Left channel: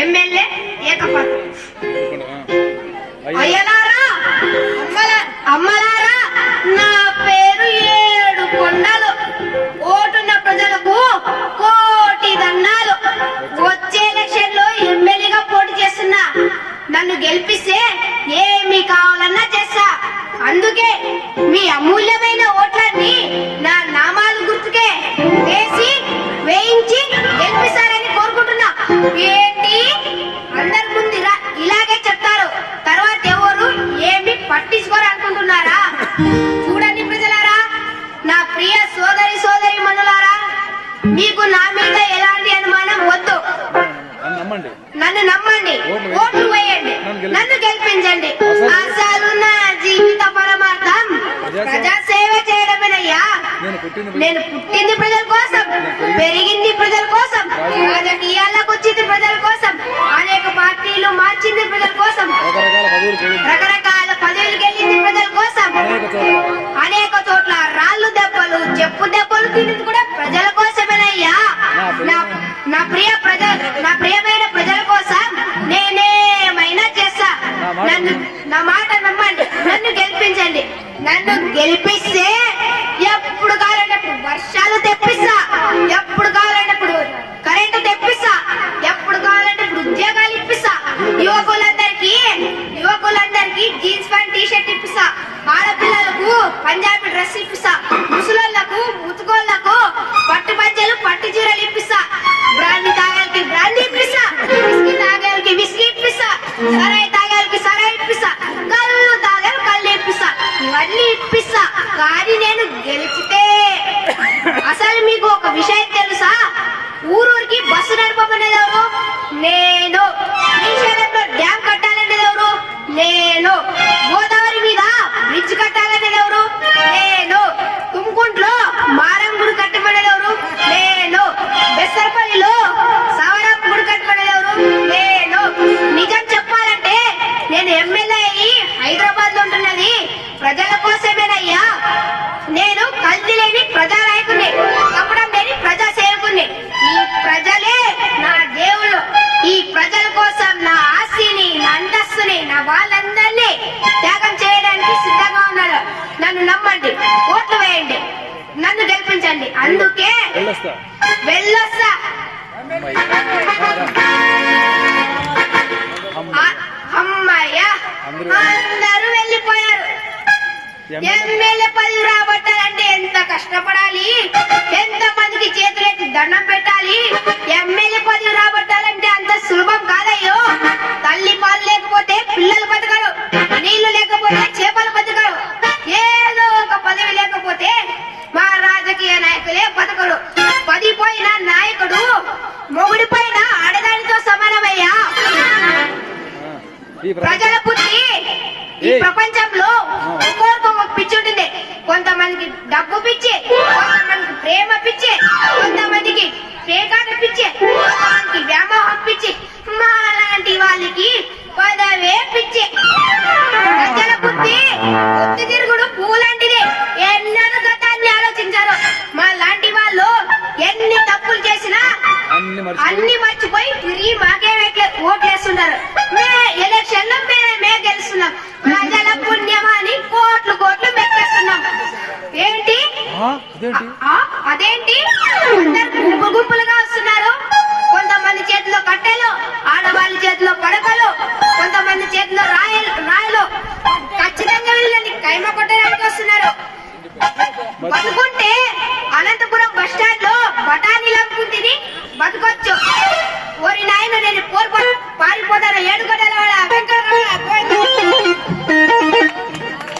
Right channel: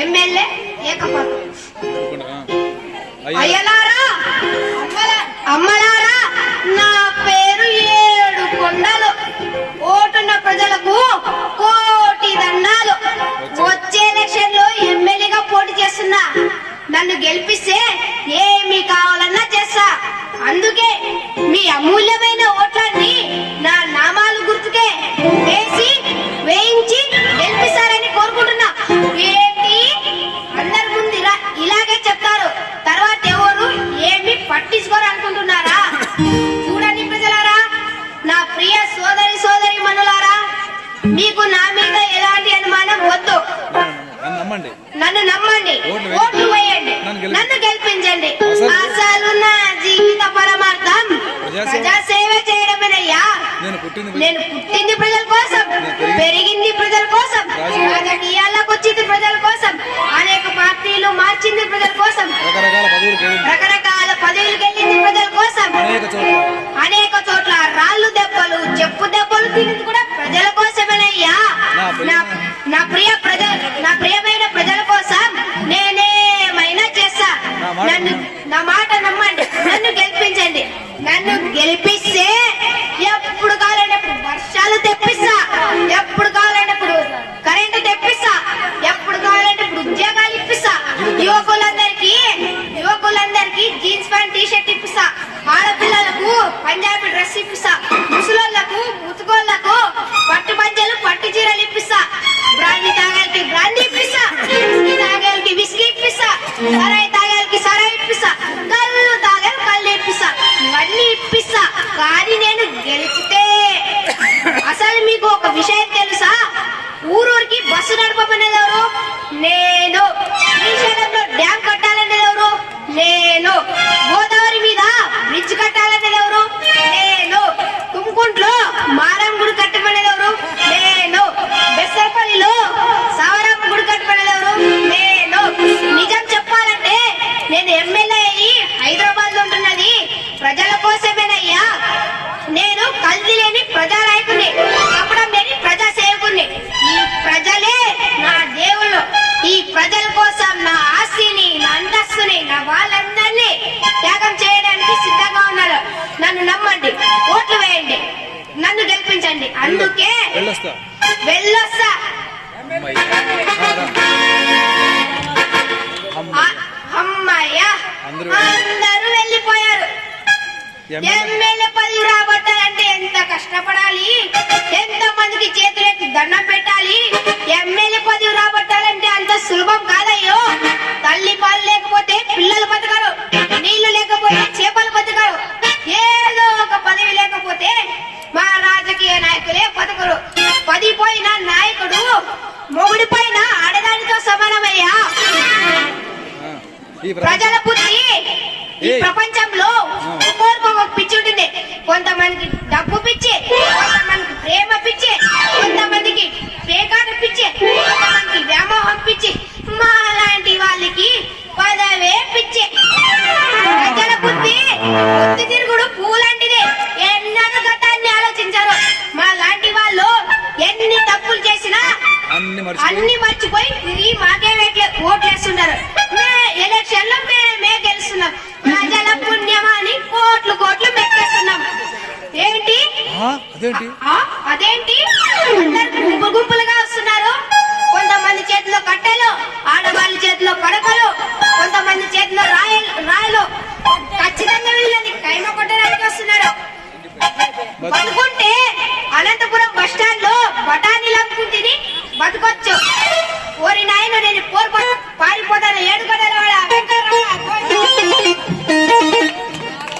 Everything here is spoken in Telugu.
ఎమ్మెల్యే ఏకపాత్ర. అయ్యలారా అమ్మలారా నా పేరు ఏడు కొండలు. ఓటున్న ప్రజలకు కోటి దండాలు. వచ్చే ఎలక్షన్లో ఎమ్మెల్యేగా పోటీ చేస్తున్నా. నన్ను గెలిపిస్తే ఏమి కావాలన్నా చేస్తా. అందుకే మీ అమూల్యమైన పట్టించుకోరు అనుకుంటున్నారా? చూడండి ప్రజలారా నా ప్రియ సోదరి సోదరి మనులారా మీకు నా మీద ఎలాంటి అనుమానం వద్దు. నన్ను నమ్మండి. ఓట్లు వేయండి. నన్ను గెలిపి- నన్ను గెలిపించండి. అసలు- నా జీవిత పరమార్థం ప్రజాసేవ- చేయడమేనయ్యా. నేను పుట్టింది ప్రజల కోసం పెరిగి- పెరిగింది ప్రజల కోసం రాజకీయ- రాజకీయాలకు వచ్చింది ప్రజల కోసం అనేక పార్టీలు మార్చింది ప్రజల కోసం. రకరకాల తినేది కూడా ప్రజల కోసమేనయ్యా. నా ప్రియ- నా నా ప్రియ ప్రజల నా ప్రియమైన ప్రజల కోసం నేనేమైనా చేస్తా. నన్ను నా మాట నమ్మండి. నన్ను గెలిపించండి. నన్ను గెలిపిస్తే ఎప్పుడు కావాలంటే వర్షాలు తెప్పిస్తా. ఎప్పుడు కావాలంటే సరై సరాయి తాగాలకి సరాయి ఇప్పిస్తా. కళ్ళు తాగాలి కళ్ళు ఇప్పిస్తా. ఇవన్నీ ఇప్పిస్తా. కానీ నేను గెలిచితే అసలు మీకు ఒక విషయం తెలుసా? ఊరూరికి బస్సు నడపమనేది ఎవరు? నేను. శ్రీశైలంలో డ్యామ్ కట్టు ప్రజల కోసమేనయ్యా నేను కల్తీ లేని ప్రజానాయకుడిని చెప్పడం లేని ప్రజా సేవకుడిని ఈ ప్రజలే నా దేవుళ్ళు. ఈ ప్రజల కోసం నా ఆస్తిని నా అంతస్తుని నా వాళ్ళందరినీ త్యాగం చేయడానికి సిద్ధంగా ఉన్నారు. నన్ను నమ్మండి ఓట్లు వేయండి నన్ను గెలిపించండి. అందుకే వెళ్ళొస్తా. అమ్మయ్య. అందరూ ఎమ్మెల్యే- పదవి రాబట్టాలంటే ఎంత కష్టపడాలి? ఎంత మందికి చేతులెత్తి దండం పెట్టాలి? ఎమ్మెల్యే పదవి రాబట్టాలంటే అంత సులభం కాదయ్యో. తల్లి పాలు లేకపోతే పిల్లలు బతకరు నీళ్ళు లేకపోతే చేపలు బతకరు. ఏదో ఒక పదవి లేకపోతే మా రాజకీయ నాయకులే బతకరు. పది పోయిన నాయకుడు మొగుడి పైన ఆడదానితో సమానమయ్యా. ప్రజల బుద్ధి ఈ. ప్రపంచంలో ఒక్కొక్క ఒక పిచ్చి ఉంటుంది. కొంతమందికి డబ్బు పిచ్చి కొంతమందికి ప్రేమ పిచ్చి కొంతమందికి పేకాట పిచ్చి కొంతమందికి వ్యామోహం పిచ్చి. మా లాంటి వాళ్ళకి పదవే పిచ్చి. ప్రజల బుద్ధి బుద్ధి తిరుగుడు పూలాంటిది ఎన్నడూ గతాన్ని ఆలోచించారు. మా లాంటి వాళ్ళు ఎన్ని తప్పులు చేసినా అన్ని మర్చిపోయి తిరిగి మాకే ఓట్లేస్తున్నారు ఎలక్షన్లో గెలుస్తున్నాం. ప్రజల పుణ్యమా అని కోట్లు కోట్లు మెక్కేస్తున్నాం ఏంటి? అదేంటి? గుంపు గుంపులుగా వస్తున్నారు. కొంతమంది చేతిలో కట్టెలు ఆడవాళ్ళ చేతిలో పడకలు కొంతమంది చేతిలో రాయలు రాయలు. ఖచ్చితంగా వీళ్ళని కైమ కొట్టడానికి వస్తున్నారు. బతుకుంటే అనంతపురం బస్ స్టాండ్లో బఠానీలు అమ్ముకుంటుంది బతకొచ్చు. ఓరి నాయన నేను